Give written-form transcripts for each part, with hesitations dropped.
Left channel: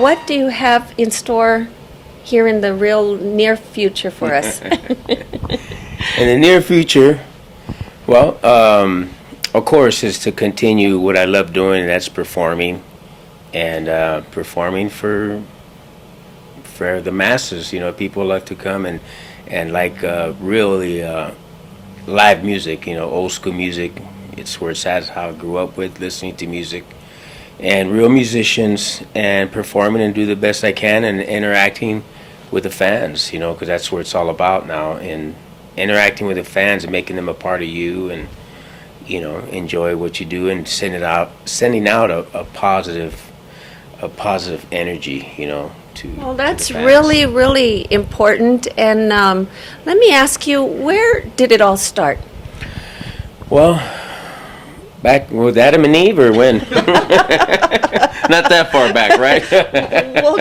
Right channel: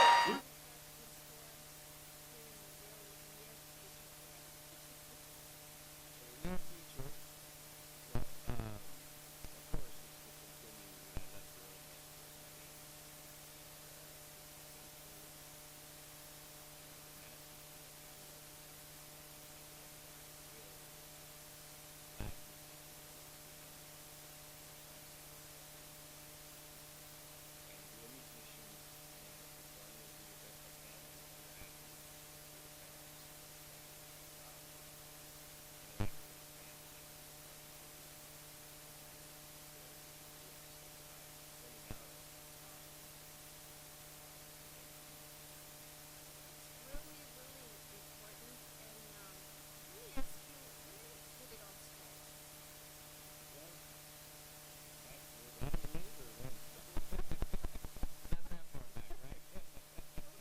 what do you have in store here in the real near future for us? In the near future, well, of course, is to continue what I love doing, and that's performing, and performing for the masses. You know, people like to come and like really live music. You know, old school music. It's where it's at. How I grew up with listening to music, and real musicians, and performing and do the best I can, and interacting with the fans. You know, because that's what it's all about now, and interacting with the fans and making them a part of you, and you know, enjoy what you do, and sending out a positive energy, you know, Well, to that's the fans. really, really important. And let me ask you, where did it all start? Well, back with Adam and Eve, or when? Not that far back, right? Well,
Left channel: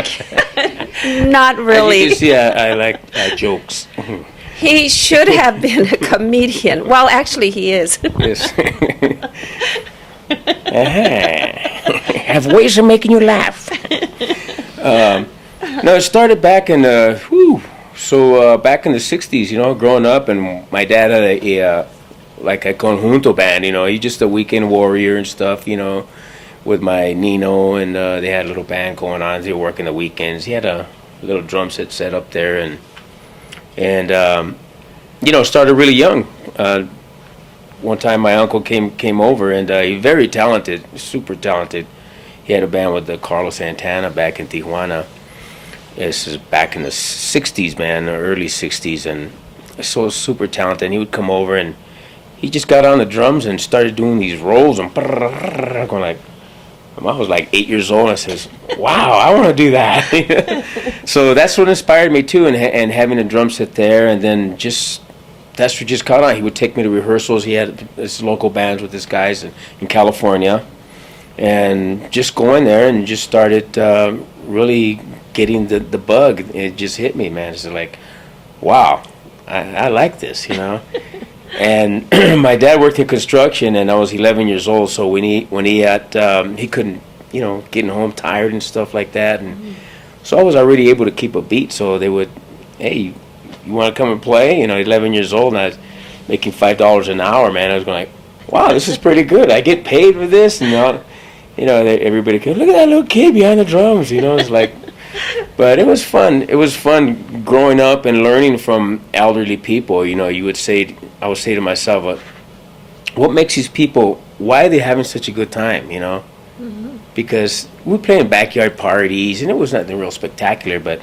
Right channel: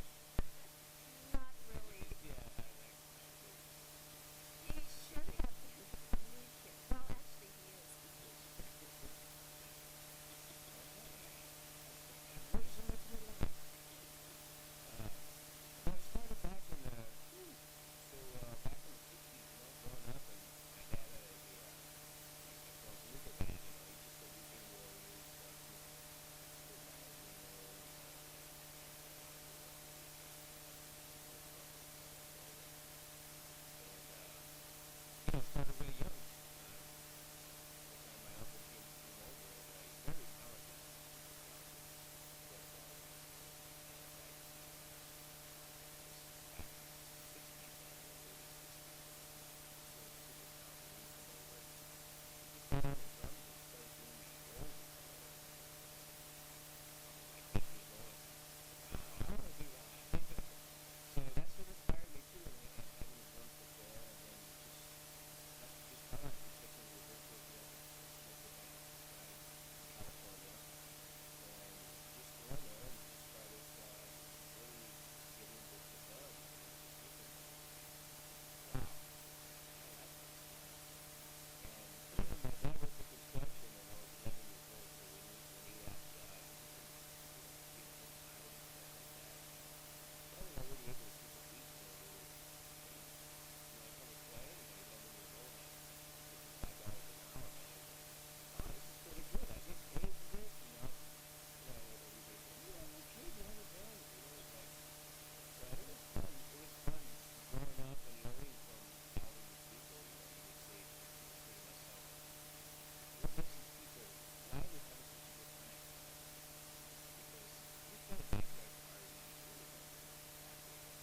not really. You see, I like jokes. He should have been a comedian. Well, actually, he is. Yes. Have ways of making you laugh. No, it started back in back in the '60s. You know, growing up, and my dad had a like a conjunto band. You know, he's just a weekend warrior and stuff. You know, with my Nino, and they had a little band going on. They were working the weekends. He had a little drum set up there, and you know, started really young. One time my uncle came over, and he's very talented, super talented. He had a band with Carlos Santana back in Tijuana. This is back in the '60s, man, the early '60s, and so super talented. And he would come over, and he just got on the drums and started doing these rolls, and going like, I was like 8 years old, and I says, wow, I want to do that. So that's what inspired me too, and having a drum set there, and then that's what just caught on. He would take me to rehearsals. He had his local bands with his guys in California, and just going there and just started really getting the bug. It just hit me, man. It's like, wow, I like this, you know. And my dad worked in construction, and I was 11 years old. So when he had he couldn't, you know, getting home tired and stuff like that, and so I was already able to keep a beat. So they would, hey, you want to come and play? You know, 11 years old, and I was making $5 an hour, man. I was going like, wow, this is pretty good. I get paid for this, and you know, everybody could look at that little kid behind the drums. You know, it's like. But it was fun. It was fun growing up and learning from elderly people. You know, I would say to myself, what makes these people, why are they having such a good time, you know? Mm-hmm. Because we play in backyard parties, and it was nothing real spectacular, but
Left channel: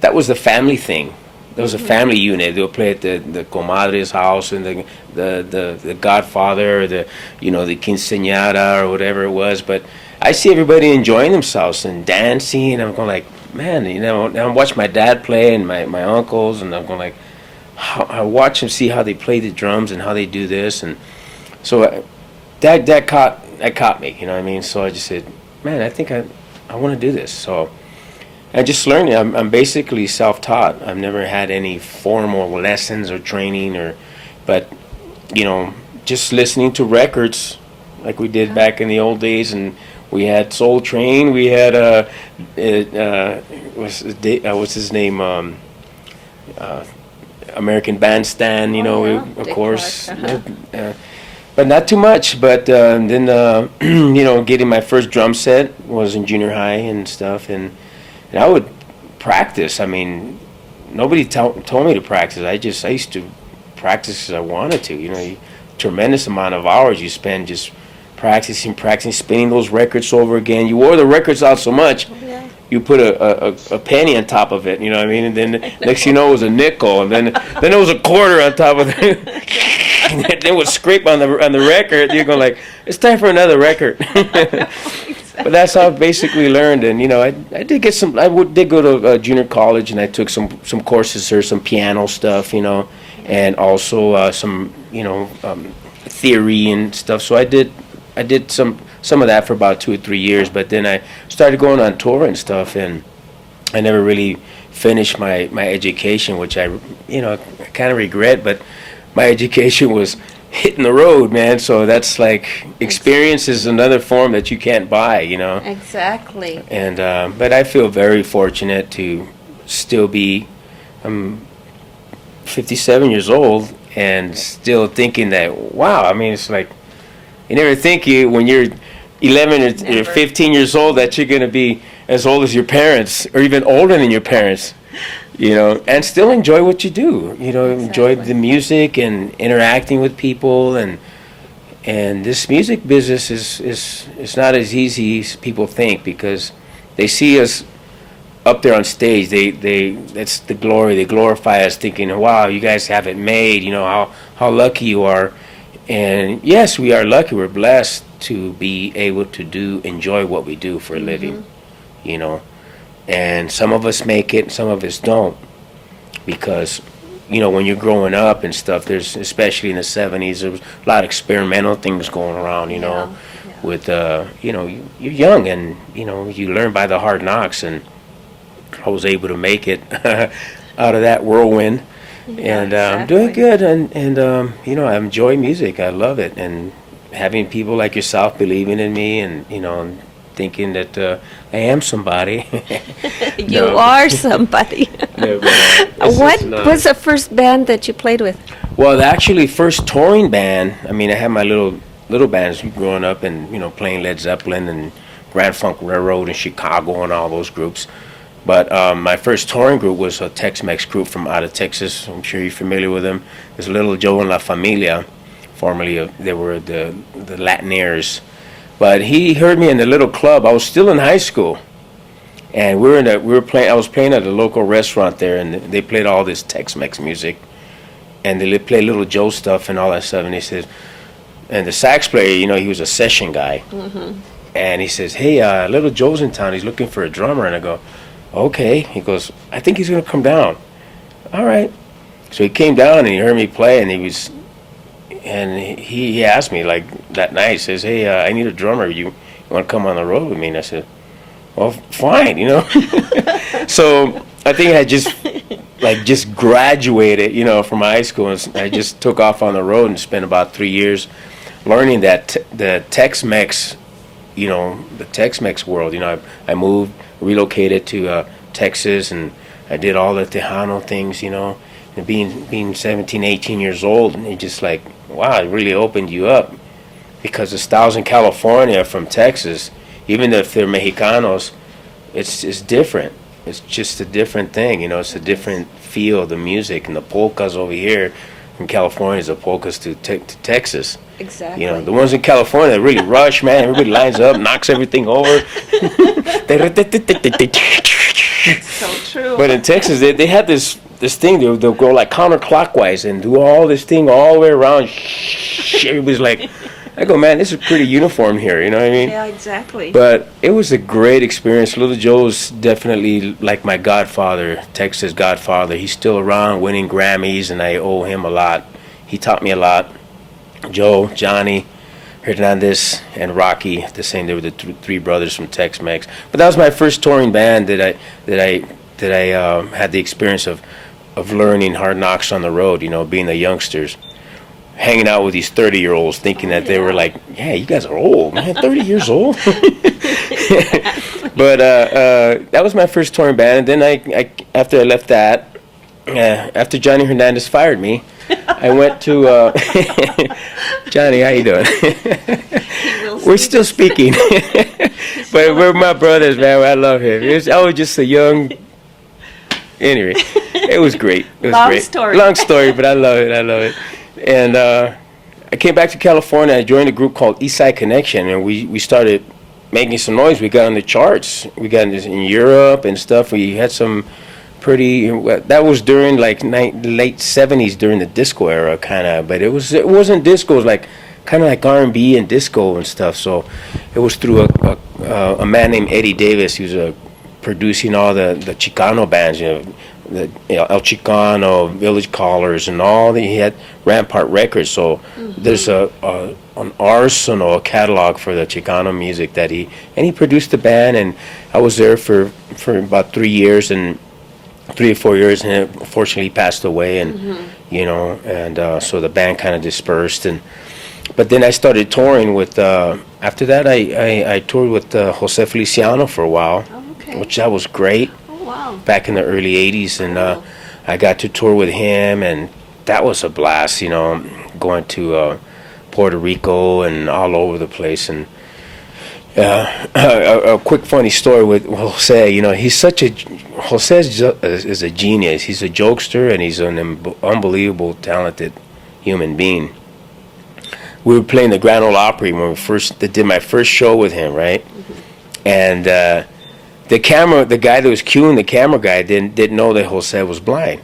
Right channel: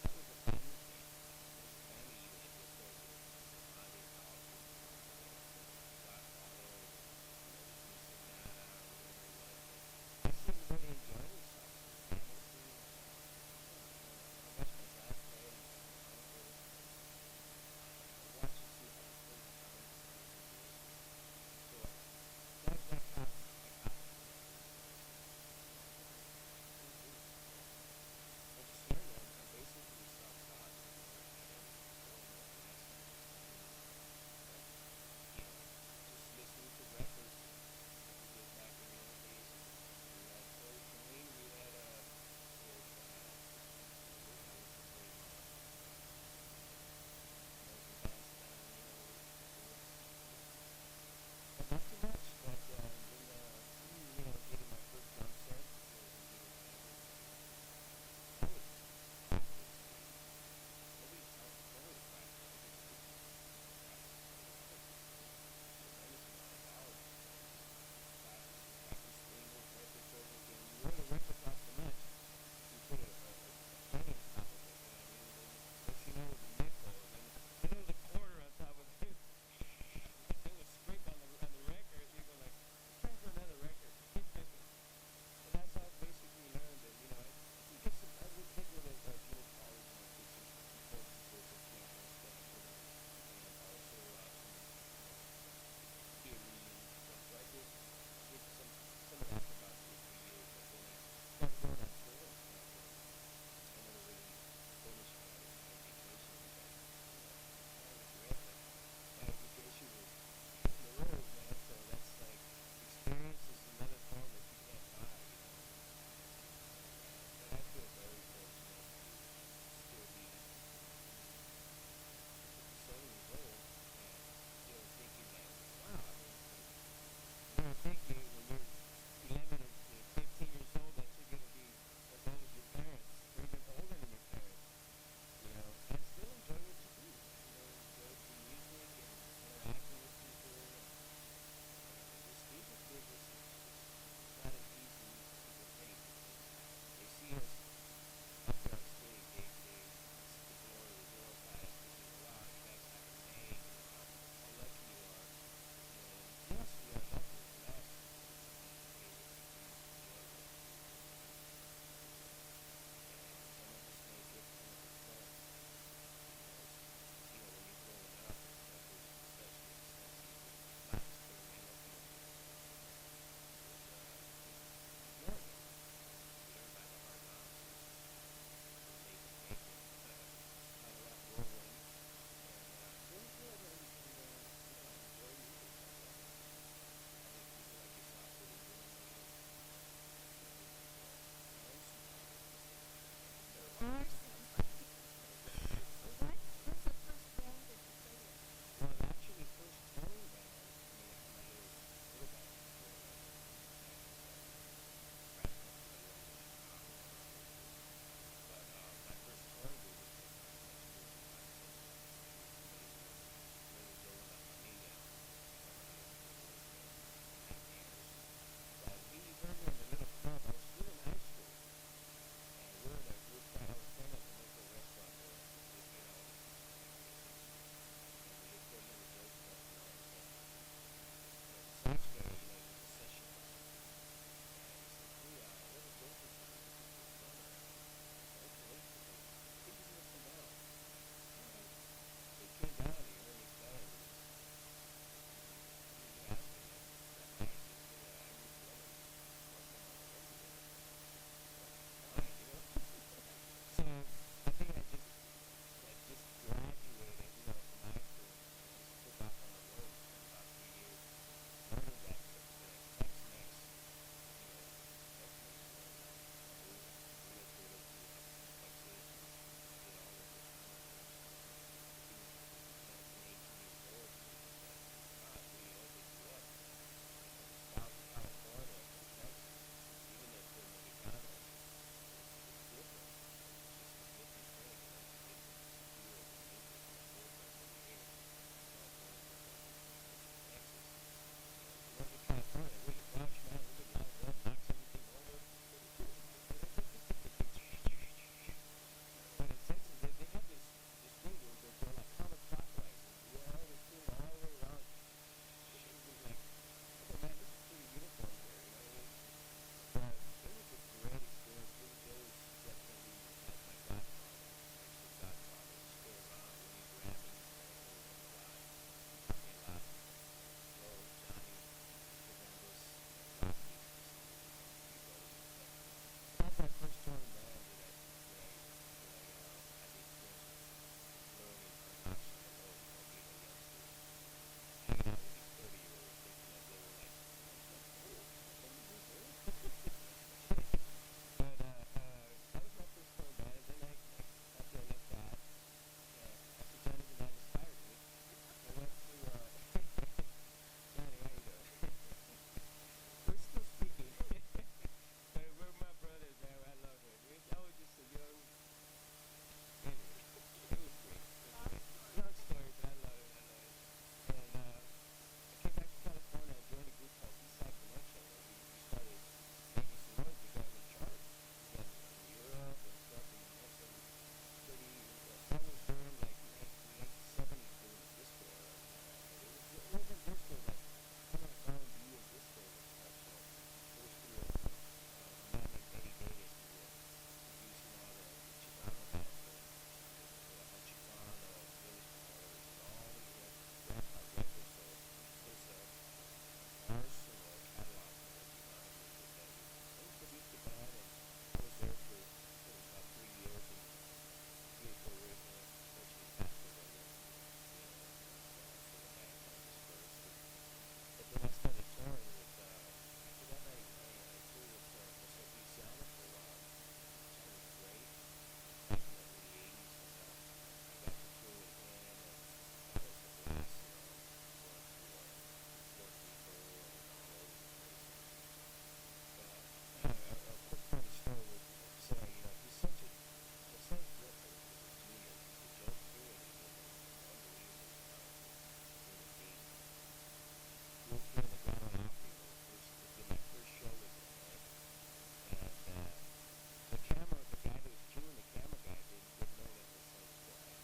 that was the family thing. There was a family unit. They would play at the comadre's house, and the godfather, or the quinceañera, or whatever it was. But I see everybody enjoying themselves and dancing, and I'm going like, man, you know, and I watch my dad play and my uncles, and I'm going like, I watch them see how they play the drums and how they do this, and so that caught me, you know what I mean? So I just said, man, I think I want to do this. So I just learned. I'm basically self-taught. I've never had any formal lessons or training, but you know, just listening to records like we did back in the old days, and we had Soul Train. We had what's his name? American Bandstand. You know, of Dick course. Clark, But not too much. But then you know, getting my first drum set was in junior high and stuff, and I would practice. I mean, nobody told me to practice. I used to practice as I wanted to. You know, tremendous amount of hours you spend just practicing, spinning those records over again. You wore the records out so much, you put a penny on top of it, you know what I mean? And then next thing you know, it was a nickel, and then it was a quarter on top of it. And then it would scrape on the record. You're going like, it's time for another record. But that's how I basically learned. And you know, I did get some. Did go to junior college, and I took some courses there, some piano stuff, you know, and also some theory and stuff. So I did some of that for about 2 or 3 years, but then I started going on tour and stuff, and I never really finished my education, which I kind of regret. But my education was hitting the road, man. So that's like experience is another form that you can't buy, Exactly. And but I feel very fortunate to still be 57 years old and still thinking that, wow, I mean, it's like you never think when you're 11 or 15 years old that you're going to be as old as your parents or even older than your parents, and still enjoy what you do, enjoy the music and interacting with people. And this music business is not as easy as people think, because they see us up there on stage. That's the glory. They glorify us, thinking, wow, you guys have it made, how lucky you are. And yes, we are lucky. We're blessed to be able to enjoy what we do for a living, And some of us make it, and some of us don't, because, when you're growing up and stuff, there's, especially in the 70s, there was a lot of experimental things going around, with, you're young, and, you learn by the hard knocks, and I was able to make it out of that whirlwind. Yeah, And I'm doing good, and I enjoy music. I love it, and having people like yourself believing in me, and thinking that I am somebody. You are somebody. No, but, What was the first band that you played with? Well, actually, first touring band. I mean, I had my little bands growing up, and playing Led Zeppelin and Grand Funk Railroad in Chicago and all those groups. But my first touring group was a Tex-Mex group from out of Texas. I'm sure you're familiar with them. There's Little Joe and La Familia. Formerly, they were the Latinaires. But he heard me in the little club. I was still in high school, and I was playing at a local restaurant there, and they played all this Tex-Mex music, and they played Little Joe stuff and all that stuff. And he said, and the sax player, he was a session guy, and he says, "Hey, Little Joe's in town. He's looking for a drummer." And I go, "Okay." He goes, "I think he's gonna come down." All right. So he came down and he heard me play, and he asked me like that night. He says, "Hey, I need a drummer. You want to come on the road with me?" And I said, "Well, fine." So I think I just graduated, from high school, and I just took off on the road and spent about 3 years learning that the Tex-Mex, the Tex-Mex world. I moved, relocated to Texas, and I did all the Tejano things, and being 17, 18 years old, and it just like, wow, it really opened you up, because the styles in California from Texas, even if they're Mexicanos, it's different. It's just a different thing, it's a different feel of the music. And the polkas over here in California is the polkas to Texas. Exactly. The ones in California that really rush, man. Everybody lines up, knocks everything over. So true. But in Texas, they had this thing. They'll go like counterclockwise and do all this thing all the way around. Everybody's like, I go, man, this is pretty uniform here. You know what I mean? Yeah, exactly. But it was a great experience. Little Joe's definitely like my godfather, Texas godfather. He's still around, winning Grammys, and I owe him a lot. He taught me a lot. Joe, Johnny, Hernandez, and Rocky, the same. They were the three brothers from Tex-Mex. But that was my first touring band that I had the experience of learning hard knocks on the road. Being the youngsters, hanging out with these 30-year-olds, thinking that they were like, yeah, you guys are old, man, 30 years old. But that was my first touring band. And then I after I left that, after Johnny Hernandez fired me, I went to Johnny. How you doing? We're still speaking, but we're my brothers, man. I love him. I was just a young. Anyway, it was great. It was Long story, but I love it. And I came back to California. I joined a group called Eastside Connection, and we started making some noise. We got on the charts. We got in Europe and stuff. We had some pretty. That was during like late '70s, during the disco era, kind of. But it wasn't disco. It was like kind of like R&B and disco and stuff. So it was through a man named Eddie Davis. He was producing all the Chicano bands, the El Chicano, Village Callers, and all. He had Rampart Records. So there's an arsenal, a catalog for the Chicano music he produced the band, and I was there for about 3 years, and 3 or 4 years, and unfortunately passed away, and so the band kind of dispersed, but then I started touring with. After that, I toured with Jose Feliciano for a while, Oh, okay. which that was great Oh, wow. back in the early '80s, and Cool. I got to tour with him, and that was a blast. Going to Puerto Rico and all over the place, and. A quick funny story with Jose. He's such a Jose is a genius. He's a jokester, and he's an unbelievable talented human being. We were playing the Grand Ole Opry when did my first show with him, right? And the guy that was cueing the camera guy didn't know that Jose was blind.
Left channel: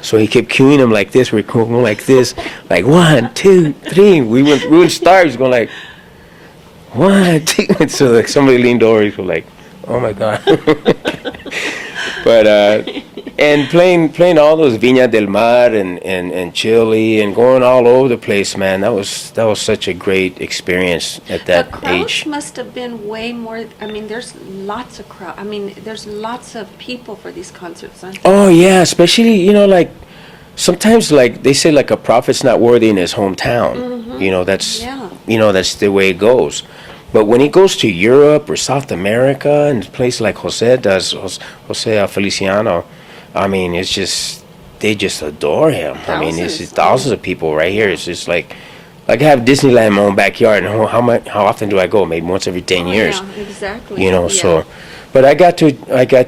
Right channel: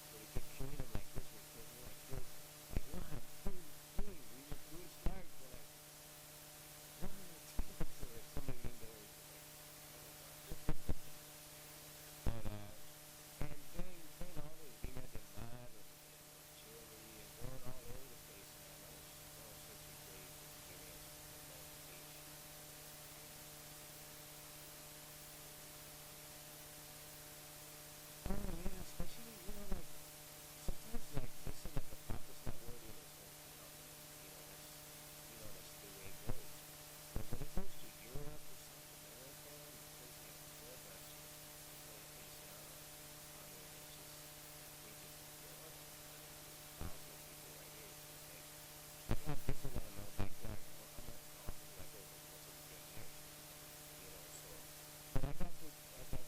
So he kept cueing him like this. We're going like this, like 1, 2, 3. We wouldn't start. He was going like. 1, 2. And so like somebody leaned over. He was like, "Oh my God!" But and playing all those Viña del Mar and Chile and going all over the place, man. That was such a great experience at that The crowds age. must have been way more. I mean, there's lots of crowd. I mean, there's lots of people for these concerts, aren't there? Oh yeah, especially like sometimes like they say like a prophet's not worthy in his hometown. That's Yeah. that's the way it goes. But when he goes to Europe or South America and places like Jose does, Jose Feliciano, I mean, it's just they just adore him. I mean, it's Thousands. thousands of people right here. It's just like I have Disneyland in my own backyard, and how often do I go? Maybe once every 10 years. Yeah, exactly. So, but I got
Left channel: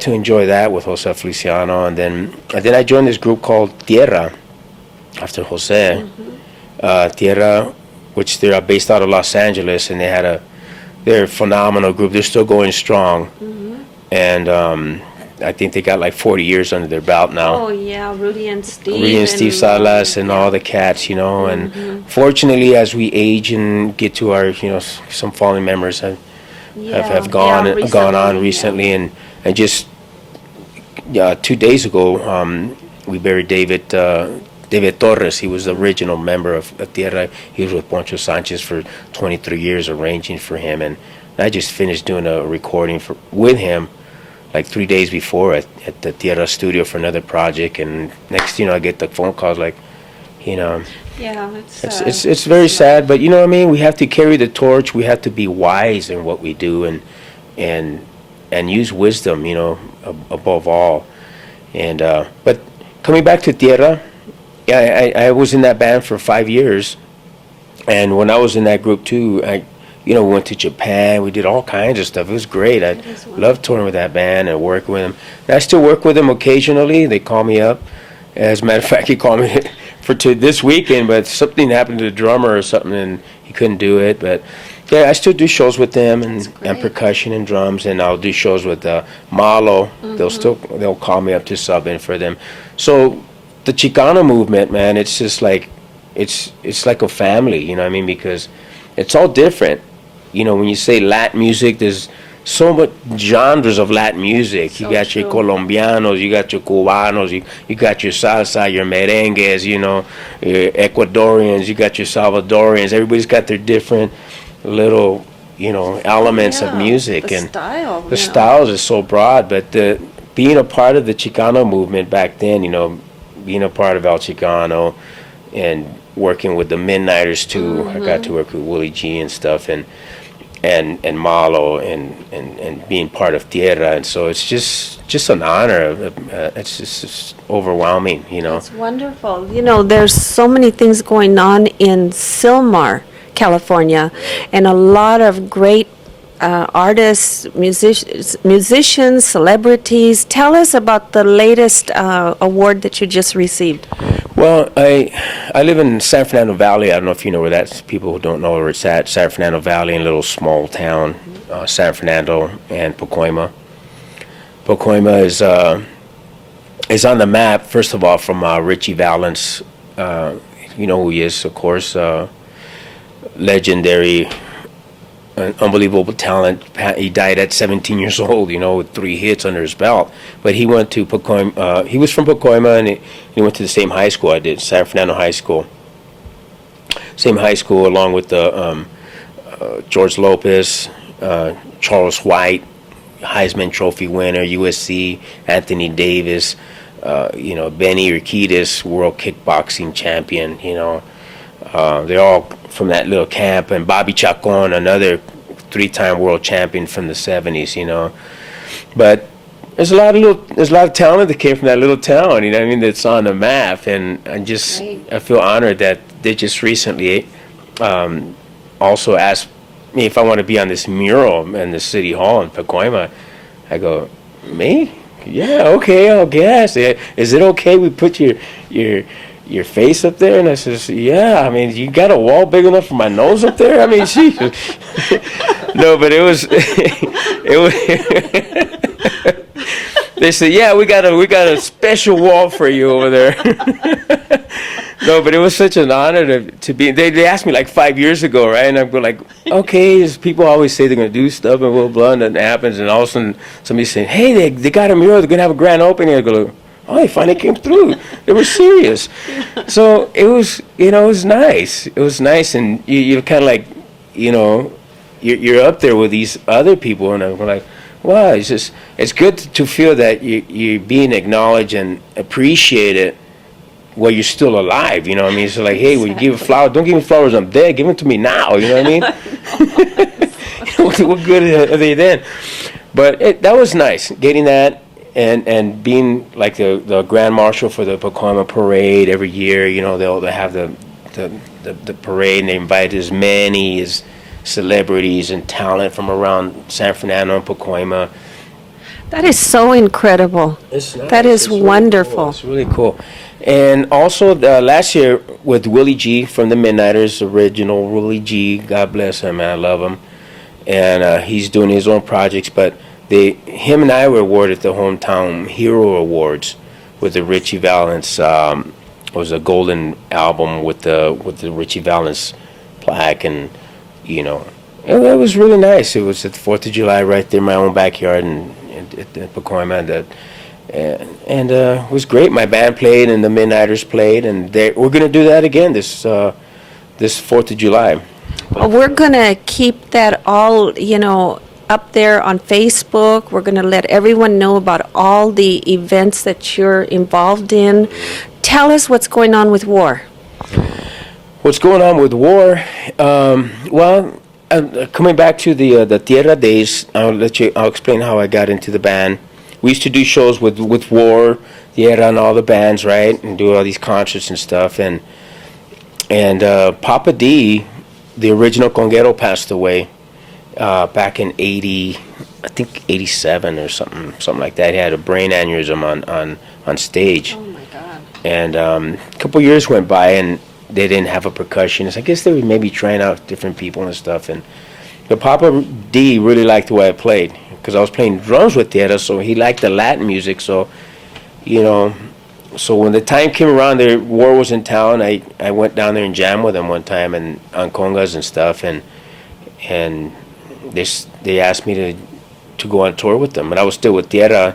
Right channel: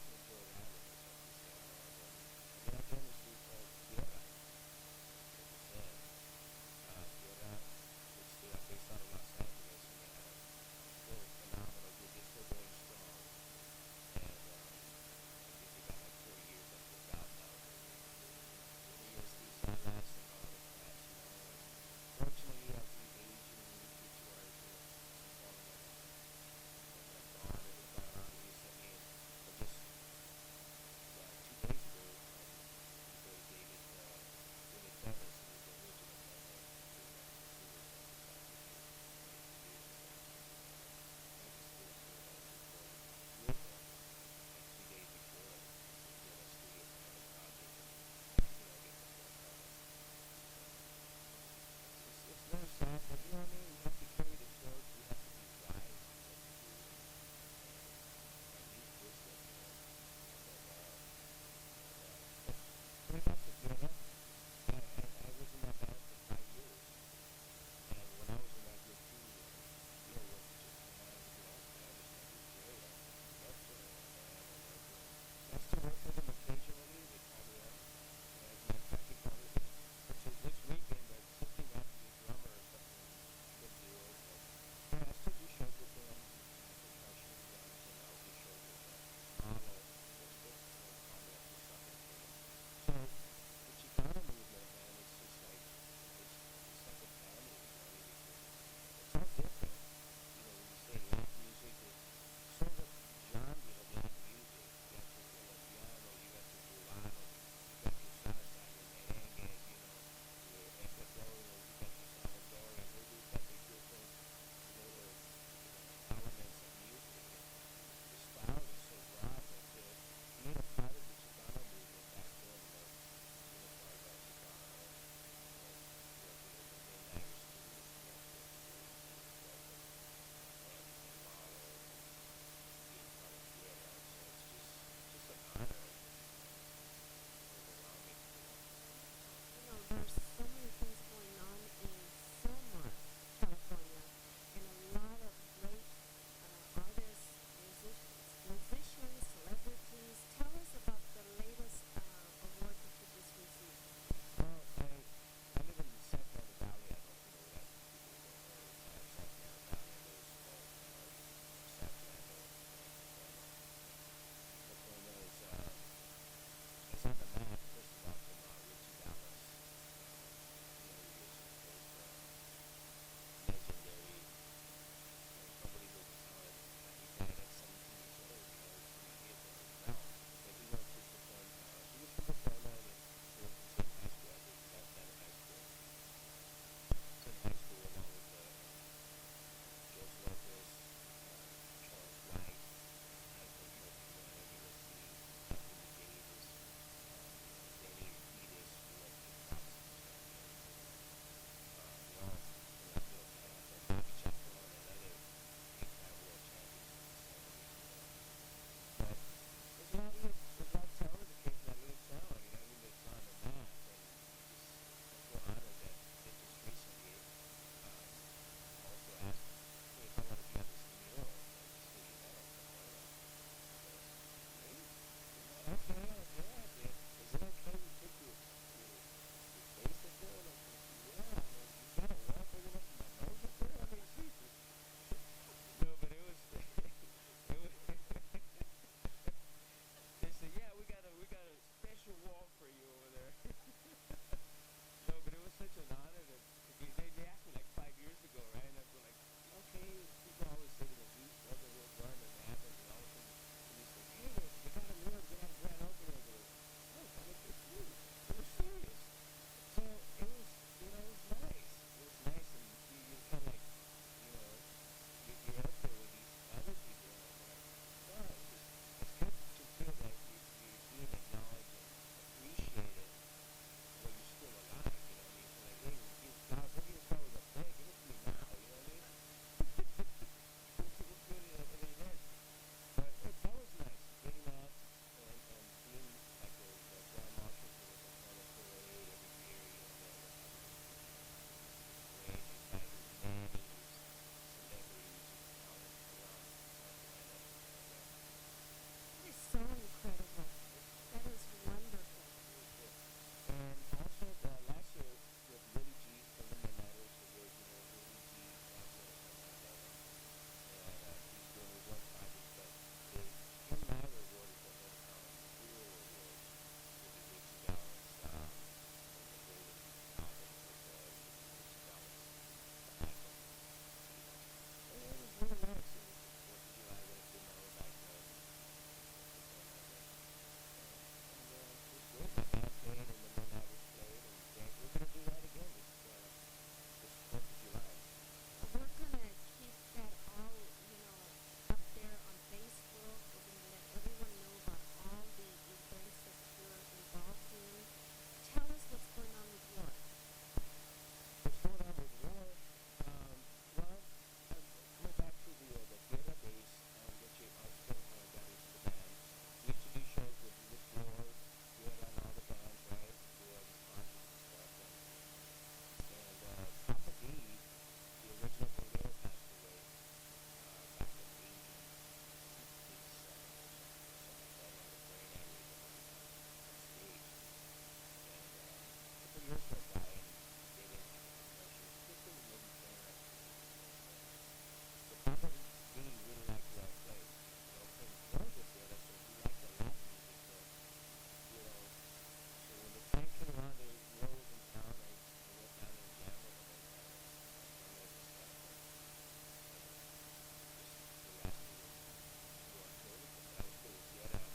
to enjoy that with Jose Feliciano, and then I joined this group called Tierra after Jose. Tierra, which they're based out of Los Angeles, and they're a phenomenal group. They're still going strong, and I think they got like 40 years under their belt now. Oh yeah, Rudy and Steve. Rudy and Steve Salas and all the cats, and fortunately, as we age and get to our, some fallen members have gone on recently, and just 2 days ago, we buried David Torres. He was the original member of Tierra. He was with Poncho Sanchez for 23 years, arranging for him, and I just finished doing a recording with him like 3 days before at the Tierra studio for another project, and next I get the phone calls like, Yeah, it's very sad, but what I mean, we have to carry the torch. We have to be wise in what we do, and use wisdom, above all. And but coming back to Tierra, yeah, I was in that band for 5 years, and when I was in that group too, we went to Japan. We did all kinds of stuff. It was great. I loved touring with that band and working with them. And I still work with them occasionally. They call me up. As a matter of fact, he called me to this weekend, but something happened to the drummer or something, and he couldn't do it. But yeah, I still do shows with them and percussion and drums, and I'll do shows with Malo. They'll call me up to sub in for them. So the Chicano movement, man, it's just like it's like a family, you know what I mean? Because it's all different. When you say Latin music, there's so much genres of Latin music. You got your Colombianos, you got your Cubanos, you got your salsa, your merengues, your Ecuadorians, you got your Salvadorians. Everybody's got their different little, elements of music. The And style. the styles are so broad, but being a part of the Chicano movement back then, being a part of El Chicano and working with the Midnighters too. I got to work with Willie G and stuff, and Malo and being part of Tierra, and so it's just an honor. It's just overwhelming, It's wonderful. There's so many things going on in Sylmar, California, and a lot of great artists, musicians, celebrities. Tell us about the latest award that you just received. Well, I live in San Fernando Valley. I don't know if you know where that's. People who don't know where it's at. San Fernando Valley, in a little small town, San Fernando and Pacoima. Pacoima is on the map. First of all, from Richie Valens. You know who he is, of course. Legendary, unbelievable talent. He died at 17 years old, with 3 hits under his belt. But he went to Pacoima. He was from Pacoima, and he went to the same high school I did, San Fernando High School. Same high school, along with George Lopez, Charles White, Heisman Trophy winner, USC, Anthony Davis, Benny Urquidez, world kickboxing champion, they're all from that little camp, and Bobby Chacon, another 3-time world champion from the 70s, But there's a lot of talent that came from that little town, that's on the map, and I feel honored that they just recently also asked me if I want to be on this mural in the city hall in Pacoima. I go, me? Yeah, okay, I guess. Is it okay we put your face up there? And I says, yeah, you got a wall big enough for my nose up there? Geez. No, but it was, they said, yeah, we got a special wall for you over there. No, but it was such an honor to be. They asked me like 5 years ago, right? And I'm going like, okay, people always say they're going to do stuff and blah, blah, and then it happens. And all of a sudden somebody's saying, hey, they got a mural. They're going to have a grand opening. I go, oh, they finally came through. They were serious. So it was, it was nice. It was nice. And you're kind of like, you're up there with these other people. And I'm like, wow, it's good to feel that you're being acknowledged and appreciated while you're still alive, So like, hey, when you give a flower, don't give me flowers, I'm dead. Give them to me now, you know what I mean? What good are they then? But that was nice, getting that and being like the Grand Marshal for the Pacoima Parade every year. They'll have the parade, and they invite as many as celebrities and talent from around San Fernando and Pacoima. That is so incredible. It's nice. That is It's really wonderful. Cool. It's really cool. And also last year with Willie G from the Midnighters, original Willie G, God bless him, man, I love him. And he's doing his own projects, but him and I were awarded the Hometown Hero Awards with the Richie Valens. It was a golden album with the Richie Valens plaque, and it was really nice. It was at the 4th of July right there in my own backyard at Pacoima. And it was great. My band played and the Midnighters played, and we're going to do that again this 4th of July. Well, we're going to keep that all, up there on Facebook. We're going to let everyone know about all the events that you're involved in. Tell us what's going on with WAR. What's going on with WAR? Coming back to the Tierra days, I'll explain how I got into the band. We used to do shows with WAR, Tierra, and all the bands, right, and do all these concerts and stuff. And Papa D, the original conguero, passed away back in 87 or something like that. He had a brain aneurysm on stage. Oh my God. And a couple years went by, and they didn't have a percussionist. I guess they were maybe trying out different people and stuff. But Papa D really liked the way I played, because I was playing drums with Tierra, so he liked the Latin music. So, so when the time came around, WAR was in town. I went down there and jammed with them one time and on congas and stuff, and they asked me to go on tour with them, and I was still with Tierra,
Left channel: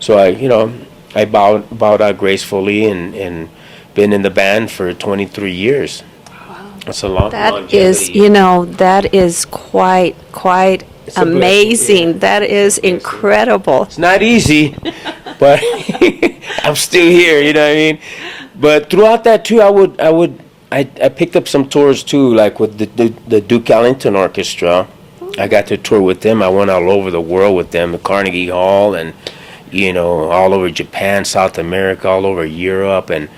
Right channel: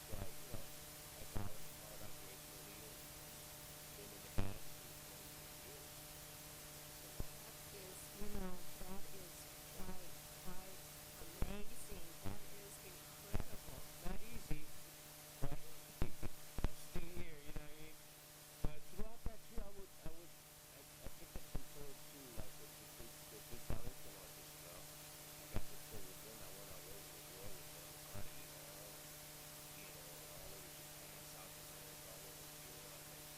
so I bowed out gracefully and been in the band for 23 years. Wow. That's a long longevity. That is quite It's a amazing. blessing, That is incredible. It's not easy, but I'm still here, you know what I mean? But throughout that too, I picked up some tours too, like with the Duke Ellington Orchestra. I got to tour with them. I went all over the world with them, the Carnegie Hall, and all over Japan, South America, all over Europe, and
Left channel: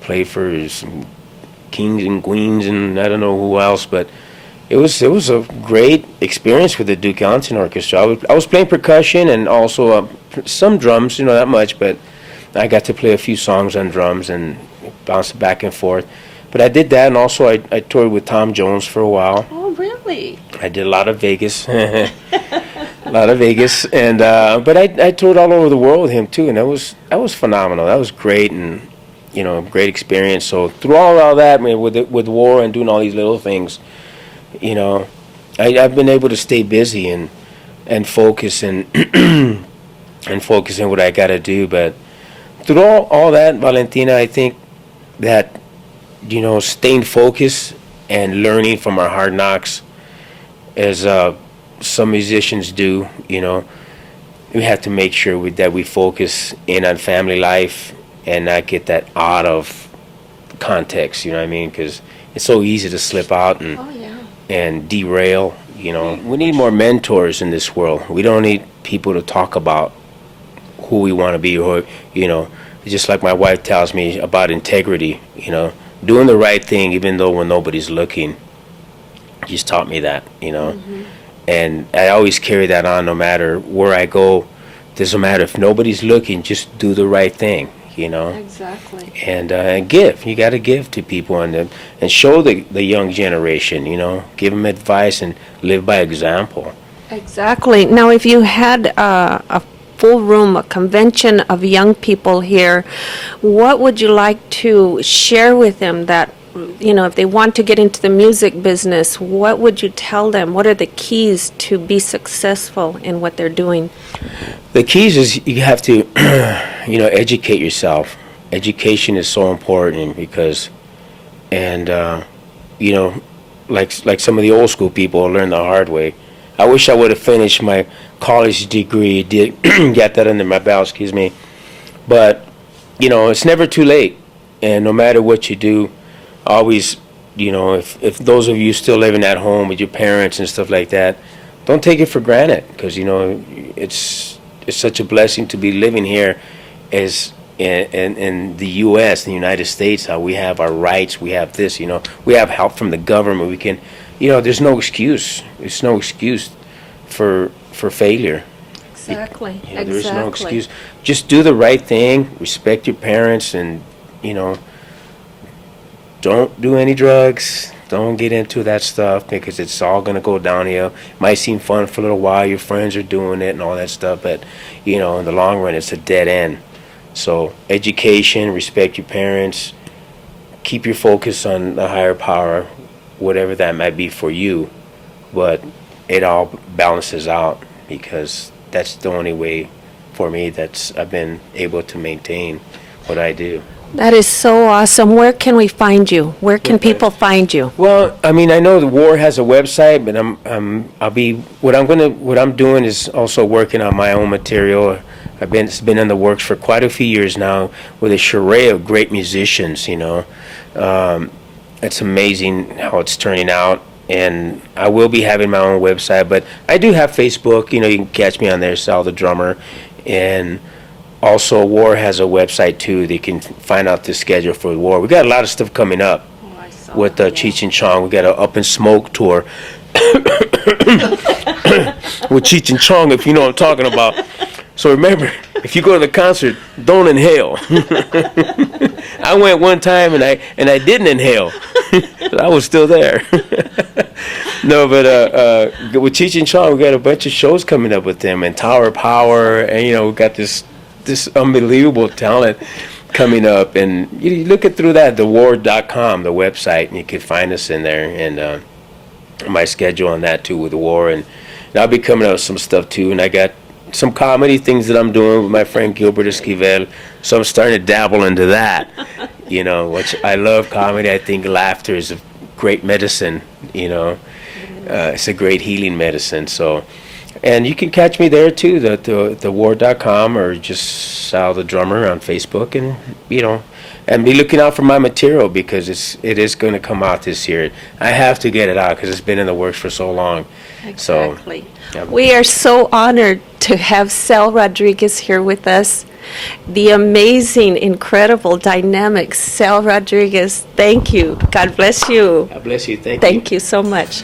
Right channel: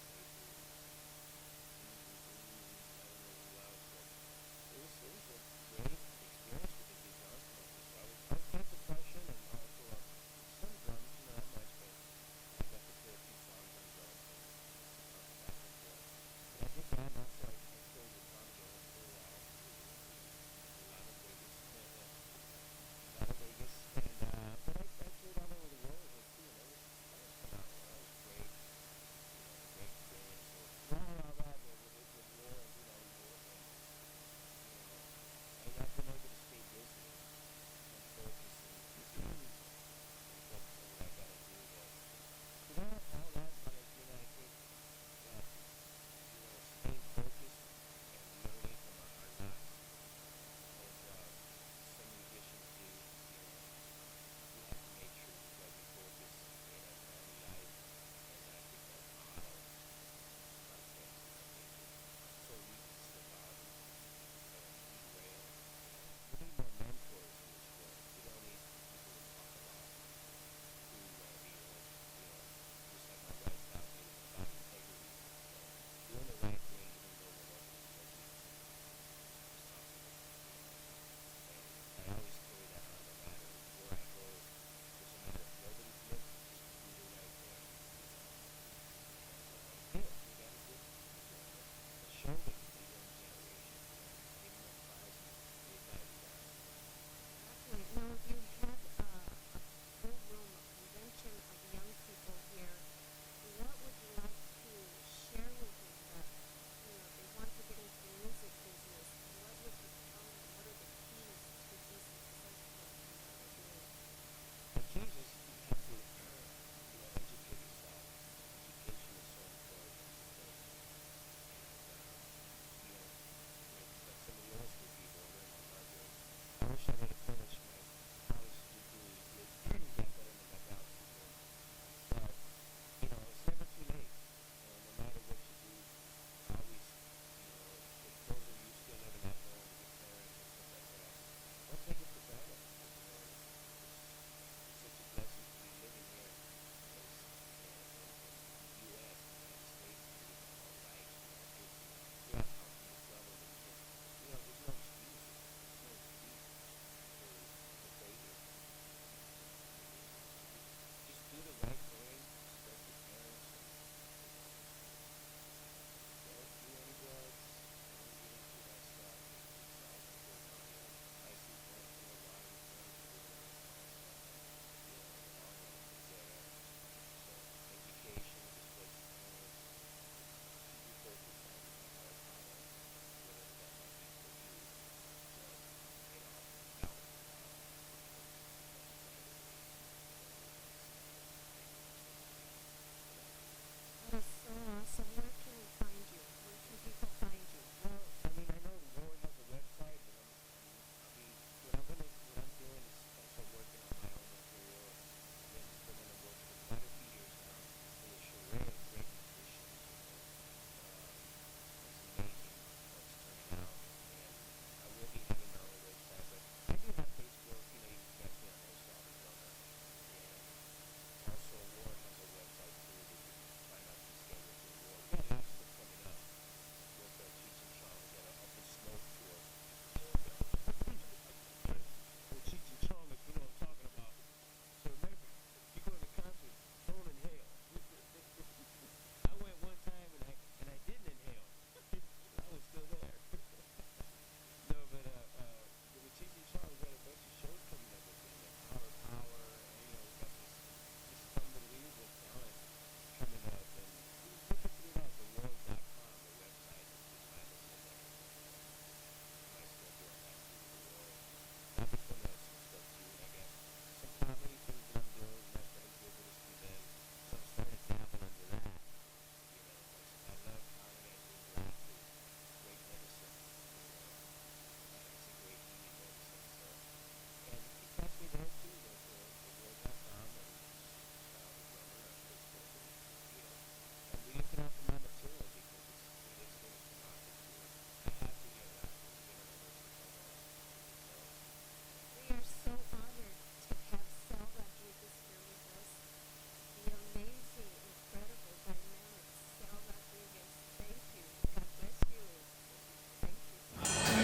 played for some kings and queens and I don't know who else, but it was a great experience with the Duke Ellington Orchestra. I was playing percussion and also some drums, not much, but I got to play a few songs on drums and bounce back and forth. But I did that, and also I toured with Tom Jones for a while. Oh, really? I did a lot of Vegas, and but I toured all over the world with him too, and that was phenomenal. That was great, and great experience. So through all that, with WAR and doing all these little things, I've been able to stay busy and focus and focus on what I got to do. But through all that, Valentina, I think that staying focused and learning from our hard knocks, as some musicians do, we have to make sure that we focus in on family life and not get that out of context, you know what I mean? Because it's so easy to slip out and Oh, yeah. and derail, you know. We need more mentors in this world. We don't need people to talk about who we want to be, or, you know, just like my wife tells me about integrity, you know, doing the right thing even though when nobody's looking. She's taught me that, you know. Mm-hmm. And I always carry that on no matter where I go. Doesn't matter if nobody's looking, just do the right thing, you know. Exactly. And give. You got to give to people and show the young generation, you know. Give them advice and live by example. Exactly. Now, if you had a full room, a convention of young people here, what would you like to share with them that, you know, if they want to get into the music business, what would you tell them? What are the keys to be successful in what they're doing? The keys is you have to, you know, educate yourself. Education is so important because, and, you know, like some of the old school people learn the hard way. I wish I would have finished my college degree, get that under my belt, excuse me. But, you know, it's never too late. And no matter what you do, always, you know, if those of you still living at home with your parents and stuff like that, don't take it for granted, because, you know, it's such a blessing to be living here as in the U.S., in the United States, how we have our rights, we have this, you know, we have help from the government, we can, you know, there's no excuse. There's no excuse for failure. Exactly. You know, there is no excuse. Just do the right thing, respect your parents, and, you know, don't do any drugs. Don't get into that stuff because it's all going to go downhill. Might seem fun for a little while. Your friends are doing it and all that stuff, but, you know, in the long run, it's a dead end. So education, respect your parents, keep your focus on the higher power, whatever that might be for you, but it all balances out because that's the only way for me I've been able to maintain what I do. That is so awesome. Where can we find you? Where can people find you? Well, I mean, I know the War has a website, but what I'm doing is also working on my own material. It's been in the works for quite a few years now with a array of great musicians, you know. It's amazing how it's turning out, and I will be having my own website, but I do have Facebook. You know, you can catch me on there, Sal the Drummer, and also War has a website too. They can find out the schedule for War. We got a lot of stuff coming up with Cheech and Chong. We got an Up in Smoke tour with Cheech and Chong, if you know what I'm talking about. So remember, if you go to the concert, don't inhale. I went one time and I didn't inhale. I was still there. No, but with Cheech and Chong, we got a bunch of shows coming up with them, and Tower of Power, and, you know, we got this unbelievable talent coming up. And you look it through that, thewar.com, the website, and you can find us in there, and my schedule on that too with the War. And I'll be coming out with some stuff too, and I got some comedy things that I'm doing with my friend Gilbert Esquivel, so I'm starting to dabble into that, you know, which I love comedy. I think laughter is a great medicine, you know. It's a great healing medicine. So, and you can catch me there too, the war.com, or just Sal the Drummer on Facebook, and, you know, and be looking out for my material because it is going to come out this year. I have to get it out because it's been in the works for so long. Exactly. So, yeah. We are so honored to have Sal Rodriquez here with us. The amazing, incredible, dynamic Sal Rodriquez. Thank you. God bless you. God bless you. Thank you. Thank you so much.